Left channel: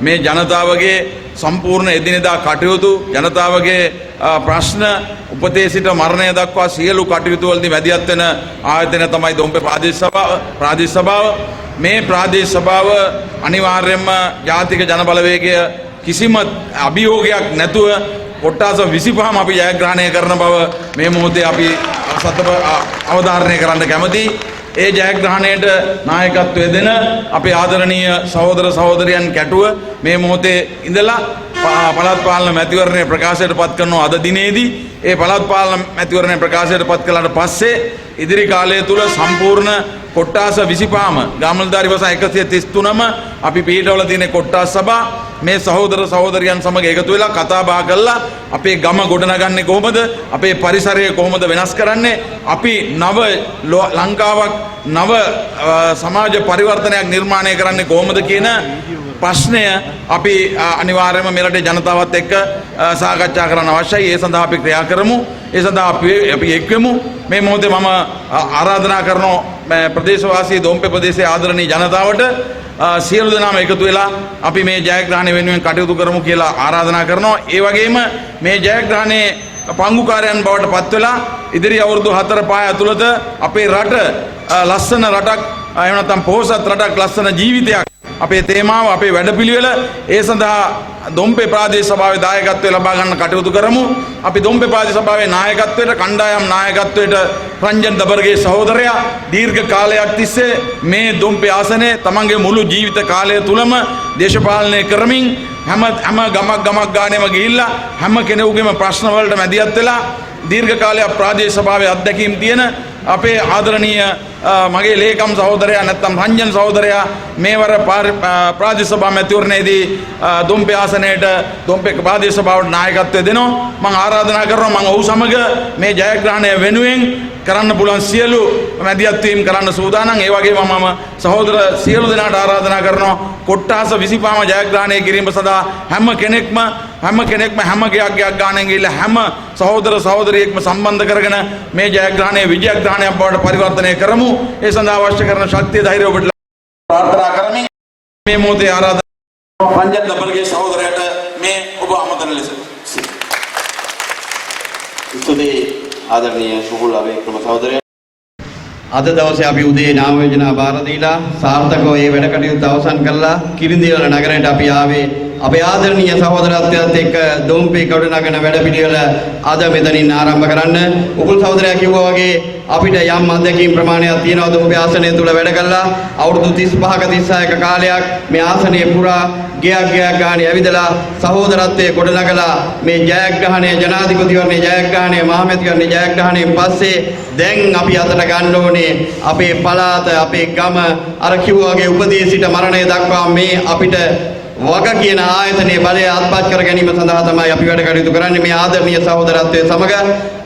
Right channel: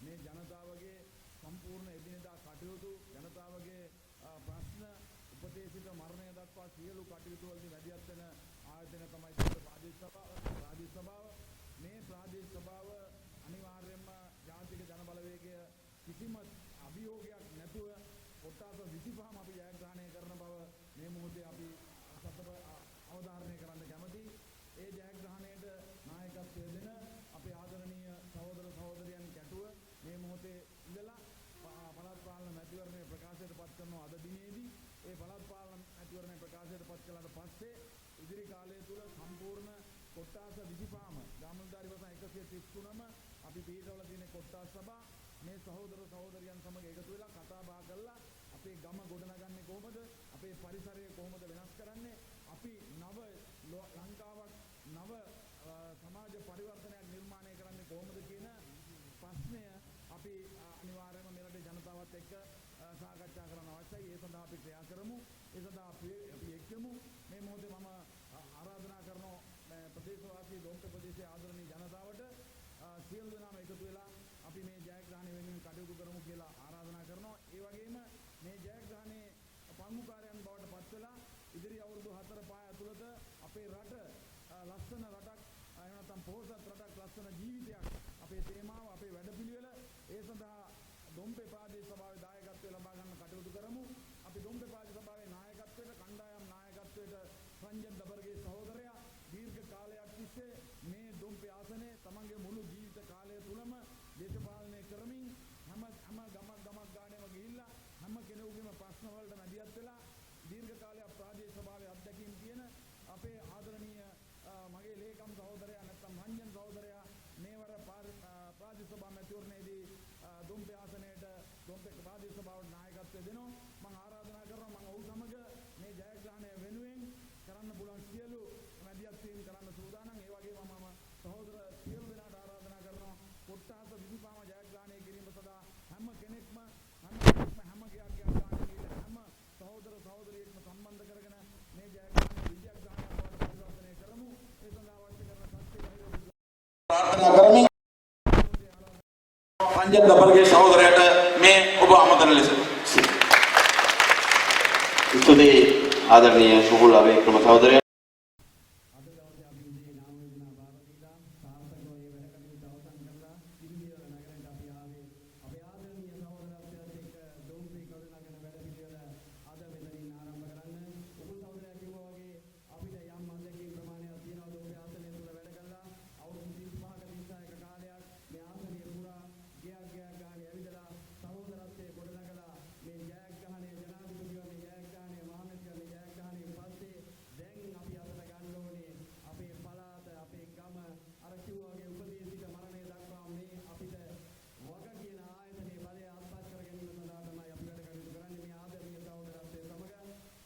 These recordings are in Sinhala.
මේ ජනතාවගේ සම්පූර්ණ එදිනෙදා කටයුතු ජනතාවගේ ප්‍රශ්න උපතේ සිට මරණය දක්වා සියලු කටයුතු වලදී වැදියත් වෙන ආයතනය තමයි දොම්පේ ප්‍රාදේශ සභාව. මේ ප්‍රාදේශ සභාව අනිවාර්යයෙන්ම ජාතික ජනබලවේගය කිසිම අභියෝගයක් නැතුව කොට්ටාස 25ම අපි ජයග්‍රහණය කරන බව මේ මොහොතේ අපි අවධාරණය කරන්න කැමතියි. ඒ ජයග්‍රහණයට නායකත්වය දෙන අපේ ආදරණීය සහෝදර සහෝදරයන් කැටුව මේ මොහොතේ ඉඳලා පළාත් පාලන මැතිවරණය ප්‍රකාශයට පත් කරනවා අද දිනේදී. ඒ පළාත් පාලන මැතිවරණය ප්‍රකාශයට පත් කළාට පස්සේ ඉදිරි කාලය තුල සම්පූර්ණ කොට්ටාස 25ම ගාමල්දාරි වසා 133ම අපි පිටවල තියෙන කොට්ටාස් සභා මේ සහෝදර සහෝදරියන් සමග එකතු වෙලා කතා බහ කරලා අපේ ගම ගොඩනගන්නේ කොහොමද, අපේ පරිසරය කොහොමද වෙනස් කරන්නේ, අපි නව ලංකාවක් නව සමාජ පරිවර්තනයක් නිර්මාණය කරන්නේ කොහොමද කියන ප්‍රශ්නය අපි අනිවාර්යයෙන්ම මෙරටේ ජනතාවත් එක්ක සාකච්ඡා කරන්න අවශ්‍යයි. ඒ සඳහා අපි ක්‍රියා කරමු. ඒ සඳහා අපි එක්වෙමු. මේ මොහොතේ මම ආරාධනා කරනවා ප්‍රදේශවාසී දොම්පේ ප්‍රදේශයේ ආදරණීය ජනතාවට සියලු දෙනාම එකතු වෙලා අපි මේ ජයග්‍රහණය වෙනුවෙන් කටයුතු කරමු කියලා ආරාධනා කරනවා. ඒ වගේම මේ ජයග්‍රහණයේ පංගුකාරයන් බවට පත් වෙලා ඉදිරි අවුරුදු 4-5 ඇතුළත අපේ රට ලස්සන රටක් එහෙම නැත්නම් පොහොසත් රටක් ලස්සන ජීවිතයක් අපේ තේමාව අපේ වැඩපිළිවෙල ඒ සඳහා දොම්පේ ප්‍රාදේශ සභාවේ දායකත්වය ලබා ගන්න කටයුතු කරමු. අපි දොම්පේ ප්‍රාදේශ සභාවේ නායකත්වයට කණ්ඩායම් නායකත්වයට රංජන් දබර්ගේ සහෝදරයා දීර්ඝ කාලයක් තිස්සේ මේ දොම්පේ ආසනයේ තමන්ගේ මුළු ජීවිත කාලය තුලම දේශපාලනය කරමින් හැම ගමක් ගානෙම ගිහිල්ලා හැම කෙනෙකුගේම ප්‍රශ්න වලට මැදිහත් වෙලා දීර්ඝ කාලයක් ප්‍රාදේශ සභාවේ අත්දැකීම් තියෙන අපේ ආදරණීය මගේ ලේකම් සහෝදරයා නැත්නම් රංජන් සහෝදරයා මේවර ප්‍රාදේශ සභා මැතිවරණයේදී දොම්පේ ආසනයේට දොම්පේ ප්‍රාදේශ සභාවට නායකත්වය දෙනවා. මම ආරාධනා කරනවා මම ඔහු සමග මේ ජයග්‍රහණය වෙනුවෙන් කරන්න පුළුවන් සියලු මැදිහත් වීම කරන්න සූදානම්. ඒ වගේම මම සහෝදර සියලු දෙනාට ආරාධනා කරනවා කොට්ටාස 25ම ජයග්‍රහණය කිරීම සඳහා හැම කෙනෙක්ම හැම ගයක් ගානෙන් ගිහිල්ලා හැම සහෝදර සහෝදරියෙක්ම සම්බන්ධ කරගෙන මේ ජයග්‍රහණය විජයග්‍රහණයක් බවට පරිවර්තනය කරමු. ඒ සඳහා අවශ්‍ය කරන ශක්තිය ධෛර්යය ඔබට ප්‍රාර්ථනා කරමි. මේ මොහොතේ ආරාධනා රංජන් දබර්ගේ සහෝදරයාට මේ ඔබ ආමන්ත්‍රණ ලෙස ස්තුතියි ආදරණීය සුහුල් අබේක්‍රම සහෝදරයා. අද දවසේ අපි උදේ නාම යෝජනා බාර දීලා සාර්ථකව මේ වැඩ කටයුතු අවසන් කළා. කිරිඳිවල නගරයට අපි ආවේ අපේ ආදරණීය සහෝදරත්වයත් එක්ක දොම්පේ ගොඩනගන වැඩපිළිවෙල අද මෙතනින් ආරම්භ කරන්න. උකුල් සහෝදරයා කිව්වා වගේ අපිට යම් අත්දැකීම් ප්‍රමාණයක් තියෙනවා දොම්පේ ආසනය තුල වැඩ කළා. අවුරුදු 35ක 36ක කාලයක් මේ ආසනයේ පුරා ගයක් ගානේ ඇවිදලා සහෝදරත්වයේ ගොඩනගලා මේ ජයග්‍රහණය ජනාධිපතිවරණයේ ජයග්‍රහණය මහමැතිවරණයේ ජයග්‍රහණයෙන් පස්සේ දැන් අපි අතට ගන්න ඕනේ අපේ පළාත අපේ ගම අර කිව්වා වගේ උපදී සිට මරණය දක්වා මේ අපිට වග කියන ආයතනයේ බලය අත්පත් කර ගැනීම සඳහා තමයි අපි වැඩ කටයුතු කරන්නේ. මේ ආදරණීය සහෝදරත්වයේ සමග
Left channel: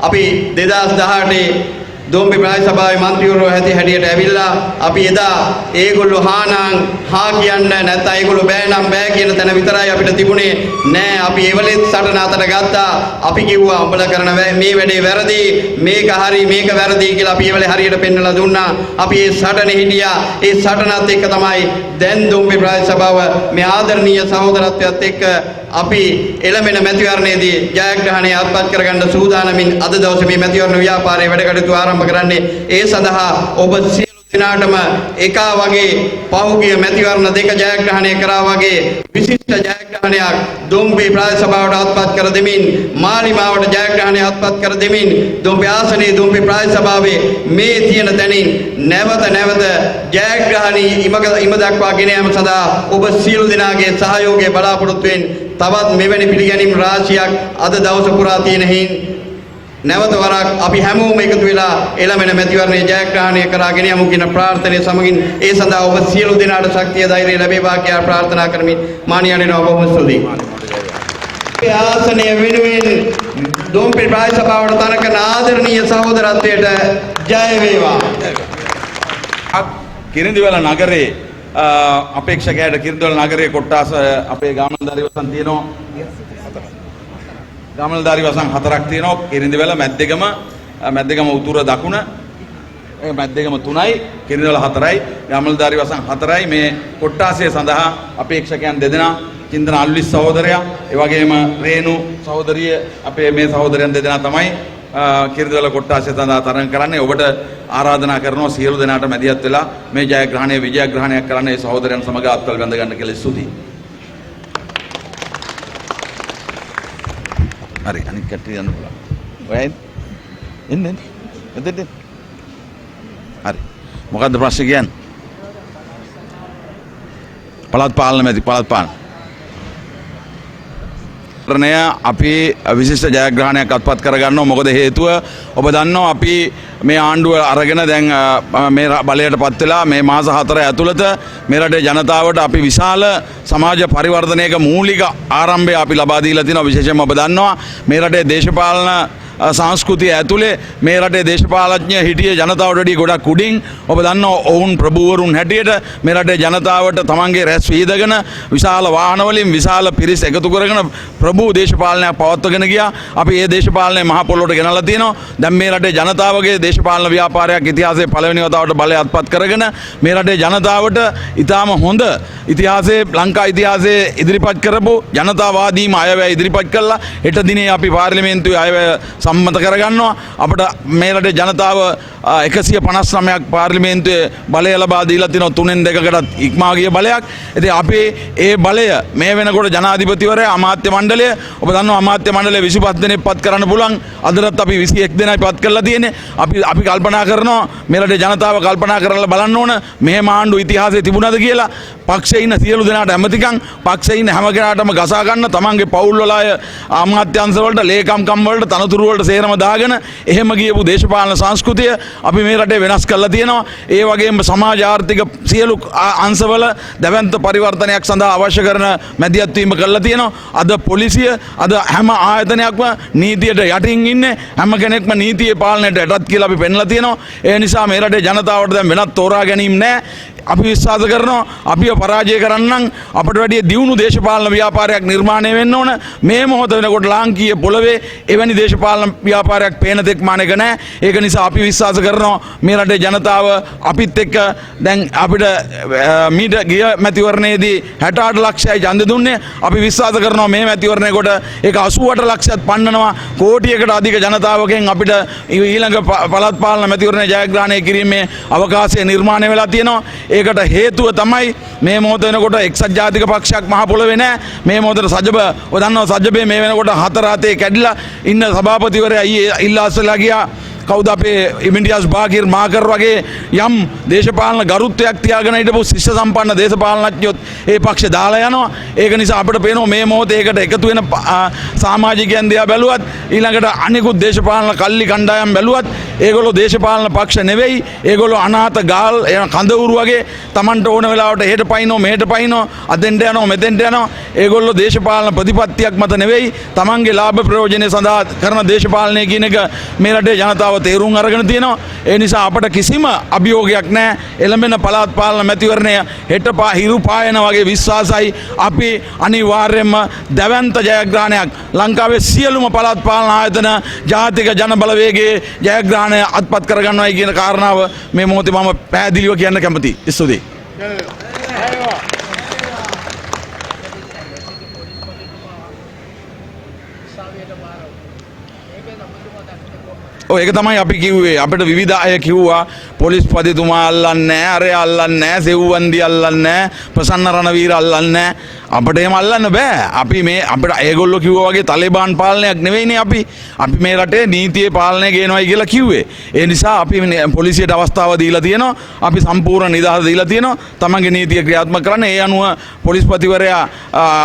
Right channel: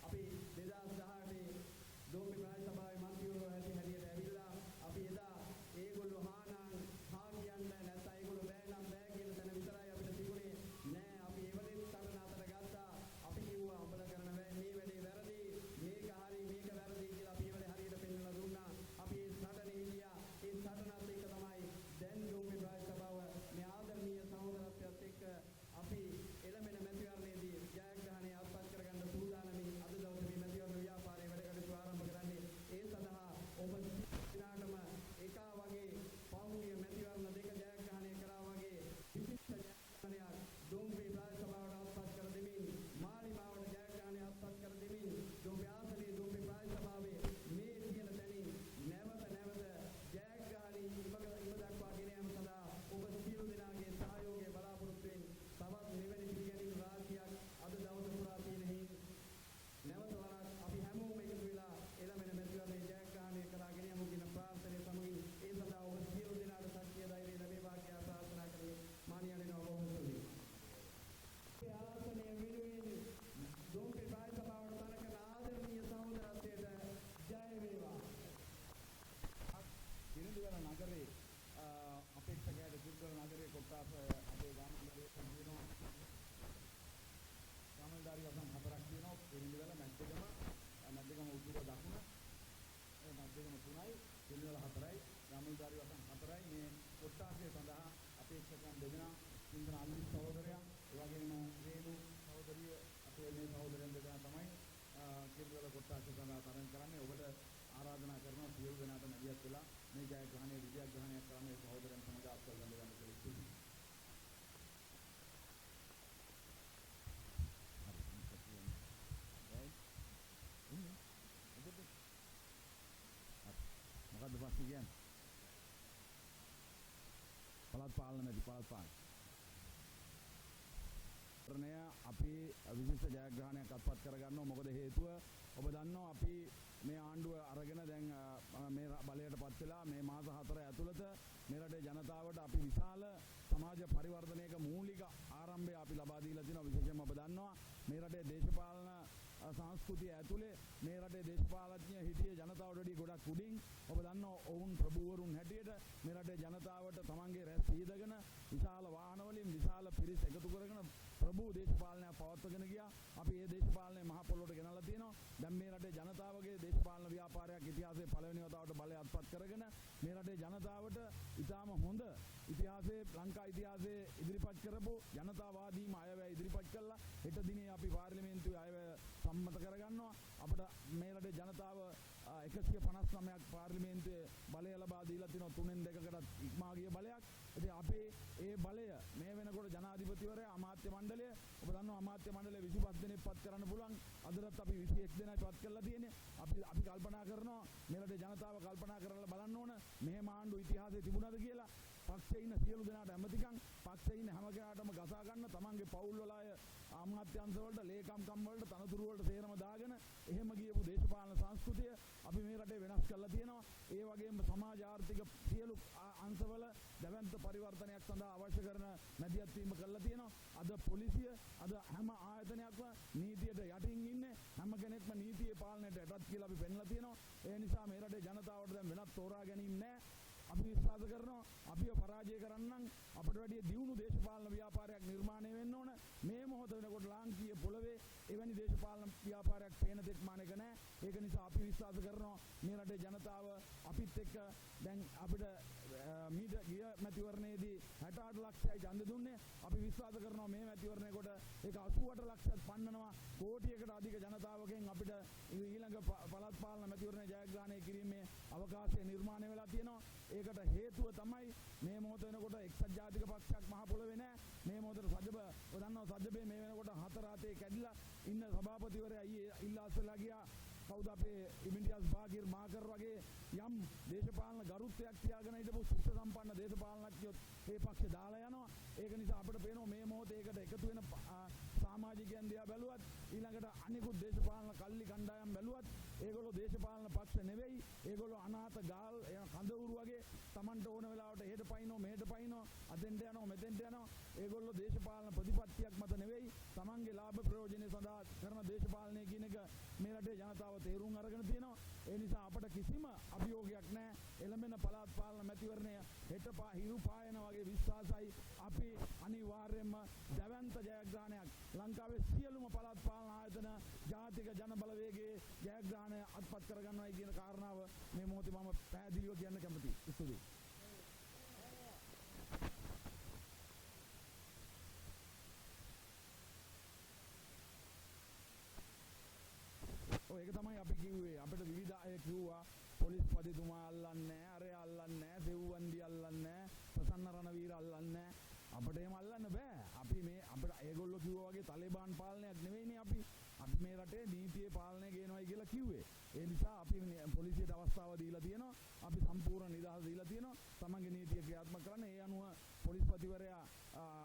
අපි 2018 දොම්පේ ප්‍රාදේශ සභාවේ මන්ත්‍රීවරු හැටියට ඇවිල්ලා අපි එදා ඒගොල්ලෝ හා කියන්න නැත්නම් ඒගොල්ලෝ බෑ නම් බෑ කියන තැන විතරයි අපිට තිබුණේ. නෑ අපි එවලෙත් සටන අතට ගත්තා. අපි කිව්වා උඹලා කරන මේ වැඩේ වැරදි, මේක හරි මේක වැරදි කියලා අපි එවලේ හරියට පෙන්වලා දුන්නා. අපි ඒ සටනේ හිටියා. ඒ සටනත් එක්ක තමයි දැන් දොම්පේ ප්‍රාදේශ සභාව මේ ආදරණීය සහෝදරත්වයත් එක්ක අපි එළමෙන මැතිවරණයේදී ජයග්‍රහණය අත්පත් කරගන්න සූදානමින් අද දවසේ මේ මැතිවරණ ව්‍යාපාරයේ වැඩ කටයුතු ආරම්භ කරන්නේ. ඒ සඳහා ඔබ සියලු දෙනාටම එකා වගේ පහුගිය මැතිවරණ දෙක ජයග්‍රහණය කරා වගේ විශිෂ්ට ජයග්‍රහණයක් දොම්පේ ප්‍රාදේශ සභාවට අත්පත් කර දෙමින් මාලිමාවට ජයග්‍රහණය අත්පත් කර දෙමින් දොම්පේ ආසනයේ දොම්පේ ප්‍රාදේශ සභාවේ මේ තියෙන තැනින් නැවත ජයග්‍රහණී ඉම දක්වා ගෙන යාම සඳහා ඔබ සියලු දෙනාගේ සහයෝගය බලාපොරොත්තු වෙමින් තවත් මෙවැනි පිළිගැනීම් රාශියක් අද දවස පුරා තියෙන හින් නැවත වරක් අපි හැමෝම එකතු වෙලා එළමෙන මැතිවරණයේ ජයග්‍රහණය කරගෙන යමු කියන ප්‍රාර්ථනාව සමගින් ඒ සඳහා ඔබ සියලු දෙනාට ශක්තිය ධෛර්යය ලැබේවා කියලා ප්‍රාර්ථනා කරමින් මානියන්නේ ඔබම ස්තුතියි. මේ ආසනය වෙනුවෙන් දොම්පේ ප්‍රාදේශ සභාවට තනකන ආදරණීය සහෝදරත්වයට ජය වේවා. කිරිඳිවැල නගරේ අපේක්ෂකයාට කිරිඳිවැල නගරේ කොට්ටාස අපේ ගාමන්දාරි වසන් තියෙනවා. ගමල්දාරි වසන් 4ක් තියෙනවා. කිරිඳිවැල මැද්දේගම උතුර දකුණ මැද්දේගම 3යි කිරිඳිවැල 4යි ගමල්දාරි වසන් 4යි මේ කොට්ටාසය සඳහා අපේක්ෂකයන් දෙදෙනා චින්තන අල්විස් සහෝදරයා ඒ වගේම රේණු සහෝදරිය අපේ මේ සහෝදරයන් දෙදෙනා තමයි කිරිඳිවැල කොට්ටාසය සඳහා තරඟ කරන්නේ. ඔබට ආරාධනා කරනවා සියලු දෙනාට මැදිහත් වෙලා මේ ජයග්‍රහණය විජයග්‍රහණයක් කරන්න ඒ සහෝදරයන් සමග අත්වල බැඳ ගන්න කියලා ස්තුතියි. හරි අනිත් කට්ටිය යන්න පුළුවන්. ඔයයි එන්න එතෙන්ට. හරි. මොකද්ද ප්‍රශ්නේ කියන්නේ? පළාත් පාලන මැති පළාත් පාලන. අපි විශිෂ්ට ජයග්‍රහණයක් අත්පත් කරගන්නවා. මොකද හේතුව ඔබ දන්නවා අපි මේ ආණ්ඩුව අරගෙන දැන් මේ බලයට පත් වෙලා මේ මාස 4 ඇතුළත මේ රටේ ජනතාවට අපි විශාල සමාජ පරිවර්තනයක මූලික ආරම්භය අපි ලබා දීලා තිනවා. විශේෂයෙන්ම ඔබ දන්නවා මේ රටේ දේශපාලන සංස්කෘතිය ඇතුලේ මේ රටේ දේශපාලඥ හිටිය ජනතාවට වඩා ගොඩක් උඩින් ඔබ දන්නවා ඔවුන් ප්‍රභූවරුන් හැටියට මේ රටේ ජනතාවට තමන්ගේ රැස් වීදගෙන විශාල වාහන වලින් විශාල පිරිස් එකතු කරගෙන ප්‍රභූ දේශපාලනයක් පවත්වාගෙන ගියා. අපි මේ දේශපාලනය මහ පොළොවට ගෙනල්ලා තියෙනවා. දැන් මේ රටේ ජනතාවගේ දේශපාලන ව්‍යාපාරයක් ඉතිහාසයේ පළවෙනි වතාවට බලය අත්පත් කරගෙන මේ රටේ ජනතාවට ඊටාම හොඳ ඉතිහාසයේ ලංකා ඉතිහාසයේ ඉදිරිපත් කරපු ජනතාවාදීම අයවැය ඉදිරිපත් කළා. හෙට දිනේ අපි පාර්ලිමේන්තුවේ අයවැය සම්මත කරගන්නවා. අපිට මේ රටේ ජනතාව 159ක් පාර්ලිමේන්තුවේ බලය ලබා දීලා තිනවා 3න් 2කටත් ඉක්මා ගිය බලයක්. ඉතින් අපි ඒ බලය මේ වෙනකොට ජනාධිපතිවරයා අමාත්‍ය මණ්ඩලය ඔබ දන්නවා අමාත්‍ය මණ්ඩලය 25 දෙනෙක් පත් කරන්න පුළුවන්. අදටත් අපි 21 දෙනයි පත් කරලා තියෙන්නේ. අපි කල්පනා කරනවා මේ රටේ ජනතාව කල්පනා කරලා බලන්න ඕන මෙහෙම ආණ්ඩු ඉතිහාසයේ තිබුණාද කියලා. පක්ෂයේ ඉන්න සියලු දෙනාට ඇමතිකම් පක්ෂයේ ඉන්න හැම කෙනාටම ගසා ගන්න තමන්ගේ පවුල් වල අය අමාත්‍යංශ වලට ලේකම්කම් වලට තනතුරු වලට සේරම දාගෙන එහෙම ගියපු දේශපාලන සංස්කෘතිය අපි මේ රටේ වෙනස් කරලා තියෙනවා. ඒ වගේම සමාජ ආර්ථික සියලු අංශවල දැවැන්ත පරිවර්තනයක් සඳහා අවශ්‍ය කරන මැදිහත් වීම කරලා තියෙනවා. අද පොලිසිය අද හැම ආයතනයක්ම නීතියට යටින් ඉන්නේ. හැම කෙනෙක්ම නීතියේ පාලනයට යටත් කියලා අපි පෙන්ලා තියෙනවා. ඒ නිසා මේ රටේ ජනතාවට දැන් වෙනත් තෝරා ගැනීම නැහැ. අපි විශ්වාස කරනවා අපිව පරාජය කරන්නම් අපට වැඩිය දියුණු දේශපාලන ව්‍යාපාරයක් නිර්මාණය වෙන්න ඕන. මේ මොහොත වෙනකොට ලාංකීය පොළවේ එවැනි දේශපාලන ව්‍යාපාරයක් පේන තෙක් මානෙක නැහැ. ඒක නිසා අපි විශ්වාස කරනවා මේ රටේ ජනතාව අපිත් එක්ක දැන් අපිට මීට ගිය මැතිවරණයේදී 68 ලක්ෂයයි ඡන්ද දුන්නේ. අපි විශ්වාස කරනවා මේ මැතිවරණයකට ඒක 88 ලක්ෂයක් පන්නනවා. කෝටියකට අධික ජනතාවගෙන් අපිට ඊළඟ පළාත් පාලන මැතිවරණය ජයග්‍රහණය කිරීමේ අවකාශය නිර්මාණය වෙලා තියෙනවා. ඒකට හේතුව තමයි මේ මොහොත වෙනකොට එක්සත් ජාතික පක්ෂයක් මහ පොළවේ නැහැ. මේ මොහොතේ සජබ ඔය දන්නවා සජබේ මේ වෙනකොට 4 හතේ කැඩිලා ඉන්න සභාපතිවරයා ඊයේ ඉල්ලාස්ලා ගියා. කවුද අපේ ඉමින්ඩියාස් බාගිර් මාකර් වගේ යම් දේශපාලන ගරුත්වයක් තියාගෙන හිටපු ශිෂ්‍ය සම්පන්න දේශපාලනඥයොත් ඒ පක්ෂ දාලා යනවා. ඒක නිසා අපිට පේනවා මේ මොහොතේ ඒකට එකතු වෙන සමාජිකයන් දිහා බැලුවත් ඊළඟට අනිකුත් දේශපාලන කල්ලි කණ්ඩායම් බැලුවත් ඒගොල්ලෝ දේශපාලන පක්ෂ නෙවෙයි. ඒගොල්ලෝ අනාථ ගාල් කඳවුරු වගේ Tamanට ඕන වෙලාවට එහෙට පයින්නෝ මෙහෙට පයින්නෝ අතෙන්ට යනවා මෙතෙන්ට යනවා. ඒගොල්ලෝ දේශපාලන ප්‍රතිපත්තියක් මත නෙවෙයි Tamanගේ ලාභ ප්‍රයෝජනෙ සඳහා කරන දේශපාලනය කියන එක මේ රටේ ජනතාව තේරුම් අරගෙන තියෙනවා. ඒ නිසා අපට කිසිම අභියෝගයක් නැහැ. එළඹෙන පළාත් පාලන මැතිවරණය හෙට හිරු පායන වගේ විශ්වාසයි. අපි අනිවාර්යයෙන්ම දැවැන්ත ජයග්‍රහණයක් ලංකාවේ සියලුම පළාත් පාලන ආයතන ජාතික ජන බලවේගයේ ජයග්‍රහණය අත්පත් කරගන්නවයි කියන කාරණාව මේ මොහොතේ මම පැහැදිලිව කියන්න කැමතියි. ස්තුතියි. ඒක තමයි අපි කිව්වේ. අපිට විවිධ අය කිව්වා පොලිස් පදිතුමා අල්ලන්නේ නැහැ, අරය අල්ලන්නේ නැහැ, සෙව්වන්දි අල්ලන්නේ නැහැ, ප්‍රසන්න රණවීර අල්ලන්නේ නැහැ. අපිට එහෙම අල්ලන්න බෑ. අපි මේ අපිට ඒගොල්ලෝ කිව්වා වගේ තලිබාන් පාලනයක් නෙවෙයිනේ අපි. අපි මේ රටේ නීතියේ පාලනය ගේනවායි කියලා කිව්වේ. ඒ නිසා අපි පොලිසියට අවස්ථාව දීලා තියෙනවා. අපි සම්පූර්ණ නිදහස දීලා තියෙනවා. තමන්ගේ නීතිය ක්‍රියාත්මක කරන්න. ඒ අනුව පොලිස්පතිවරයා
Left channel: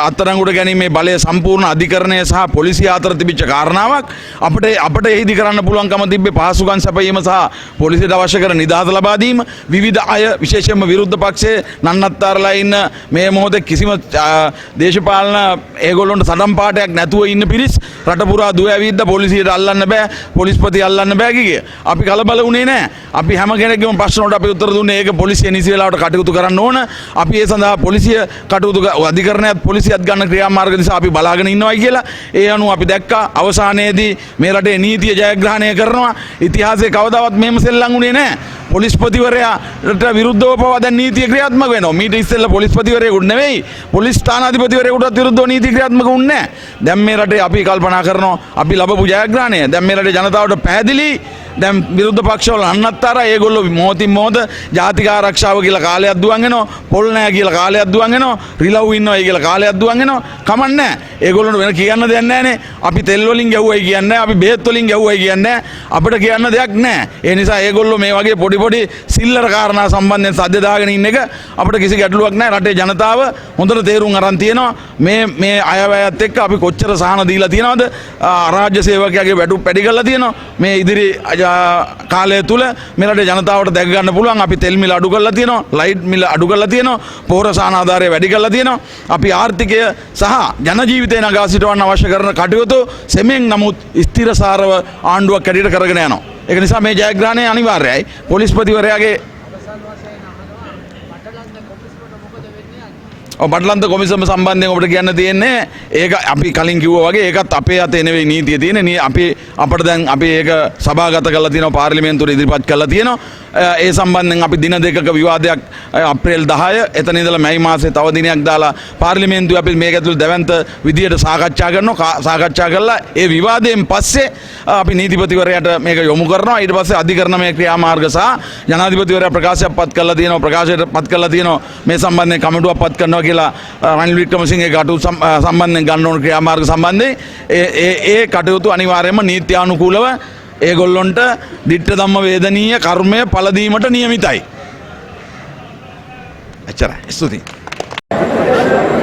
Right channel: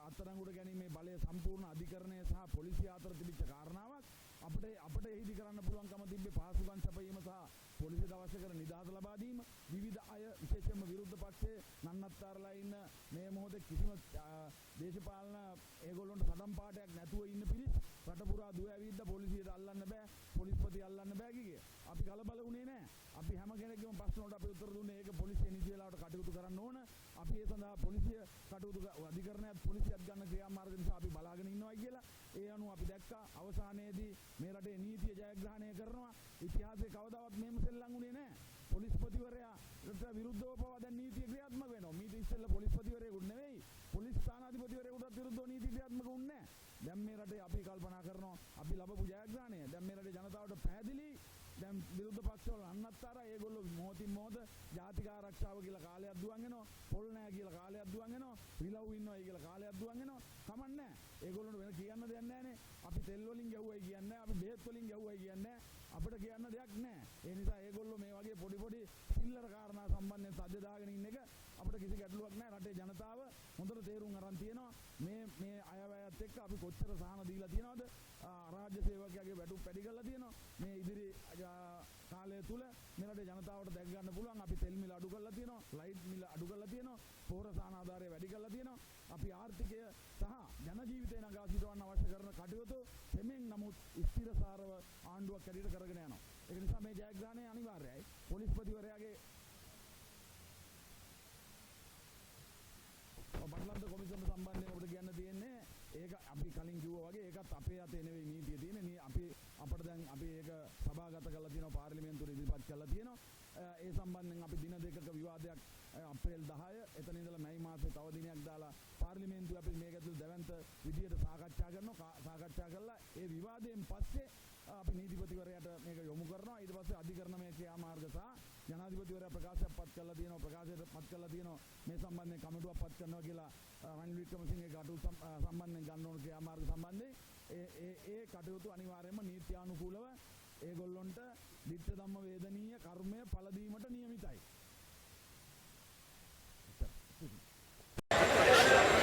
අත්අඩංගුවට ගැනීමේ බලය සම්පූර්ණ අධිකරණය සහ පොලිසිය අතර තිබිච්ච කාරණාවක් අපිට එහිදී කරන්න පුළුවන්කම තිබ්බේ පහසුකම් සැපයීම සහ පොලිසියට අවශ්‍ය කරන නිදහස ලබා දීම විවිධ අය විශේෂයෙන්ම විරුද්ධ පක්ෂයේ නන්නත්තරලා ඉන්න මේ මොහොතේ කිසිම දේශපාලන ඒගොල්ලොන්ට සඩම් පාටයක් නැතුව ඉන්න පිරිස් රට පුරා දුව ඇවිද්ද පොලිසියට අල්ලන්න බෑ පොලිස්පති අල්ලන්න බෑ කිය. අපි කලබල වුණේ නැහැ. අපි හැම කෙනෙක්ගේම ප්‍රශ්න වලට අපි උත්තර දුන්නේ ඒක පොලිසිය නිසි වෙලාවට කටයුතු කරන්න ඕන. අපි ඒ සඳහා පොලිසිය කටයුතු අධිකරණයත් පොලිසියත් ගන්න ක්‍රියාමාර්ග නිසා අපි බලාගෙන ඉන්නවා කියලා. ඒ අනුව අපි දැක්කා අවසානයේදී මේ රටේ නීතිය ජයග්‍රහණය කරනවා. ඉතිහාසයේ කවදාවත් මෙහෙම සෙල්ලම් වුණේ නැහැ. පොලිස්පතිවරයාට විරුද්ධව පවා දැන් නීතිය ක්‍රියාත්මක වෙනවා. මීට ඉස්සෙල්ලා පොලිස්පතිවරයෙකුට නෙවෙයි පොලිස් ස්ථානාධිපතිවරයෙකුටත් විරුද්ධව නීති ක්‍රියාත්මක වුණේ නැහැ. දැන් මේ රටේ අපි කල්පනා කරනවා අපි ලැබපු ජයග්‍රහණය දැන් මේ රටේ ජනතාවට පැහැදිලි දැන් විරුද්ධ පක්ෂවල අන්නත්තර ඒගොල්ලෝ මොහොතින් මොහොත ජාතික ආරක්ෂාව කියලා කාලයක් දුවන් වෙනවා පොල් නැහැ කියලා කාලයක් දුවන් වෙනවා රිලව් ඉන්නවා කියලා කාලයක් දුවන් වෙනවා කමක් නැහැ ඒගොල්ලොන්ට වෙන කියන්න දෙයක් නැහැනේ අපි තෙල් වලින් ගැව්වයි කියන්නේ අපි බේත් වලින් ගැව්වයි කියන්නේ අපිට කියන්න දෙයක් නැහැ ඒ නිසා ඒගොල්ලෝ මේ වගේ පොඩි පොඩි සිල්ලර කාරණා සම්බන්ධයෙන් සද්ද දාගෙන ඉන්න එක අපිට කිසි ගැටලුවක් නැහැ රටේ ජනතාව හොඳට තේරුම් අරන් තියෙනවා මේ අයවැයත් එක්ක අපි කොච්චර සහන දීලා තියෙනවද රාජ්‍ය සේවකයාගේ වැඩු පැඩි කරලා තියෙනවා මේ ඉදිරි කාලය තුල මේ රටේ ජනතාවට දැක ගන්න පුළුවන් අපි තෙල් මිල අඩු කරලා තියෙනවා ලයිට් මිල අඩු කරලා තියෙනවා පොහොර සහන ආධාරය වැඩි කරලා තියෙනවා අපි ආර්ථිකය සහ ජන ජීවිතය නගා සිටවන්න අවශ්‍ය කරන කටයුතු සෙමෙන් නමුත් ස්ථිරසාරව ආණ්ඩුවක් කැඩියට කරගෙන යනවා ඒක නිසා මේ ජයග්‍රහණය අනිවාර්යයි පොලිස්පතිවරයාගේ බටලන්ත කොමිසම සම්බන්ධයෙන් ඔබට කියන්න තියෙන්නේ ඒක අපි කලින් කිව්වා වගේ ඒකත් අපේ අතේ නෙවෙයි නීතිය තියෙන්නේ අපි අපිට දැන් අපි ඒක සභාගත කරලා තියෙනවා පාර්ලිමේන්තුවට ඉදිරිපත් කරලා තියෙනවා ඒ සම්බන්ධයෙන් අපි දින දෙකක විවාදයක් අප්‍රේල් 10 එතන ඉඳලා මැයි මාසේ තව දිනයක් දාලා පාර්ලිමේන්තුවේ අපි මේක ඇතුළේ දැවැන්ත විදියට සාකච්ඡා කරනවා සාකච්ඡා කරලා ඒ විවාදයෙන් පස්සේ අපි නීතිපතිවරයාට මේක යොමු කරනවා ඊට පස්සේ අධිකරණමය ක්‍රියාමාර්ග සහ ජනාධිපතිවරයා ප්‍රකාශයක් පත් කරලා තියෙනවා ප්‍රකාශයට පත් කරලා තියෙනවා මේ සම්බන්ධයෙන් කමිටුවක් පත් කරනවා කියලා රනිල් වික්‍රමසිංහගේ කටයුතු සම්බන්ධයෙන් ගන්න ඕන ක්‍රියාමාර්ග සම්බන්ධයෙන් ඒ කටයුතු අනිවාර්යයෙන්ම නීත්‍යානුකූලව ඒගොල්ලොන්ට ditta ධම්ම වේදනීය කර්මය පළ දීමට නියමිතයි. එච්චරයි. ස්තුතියි.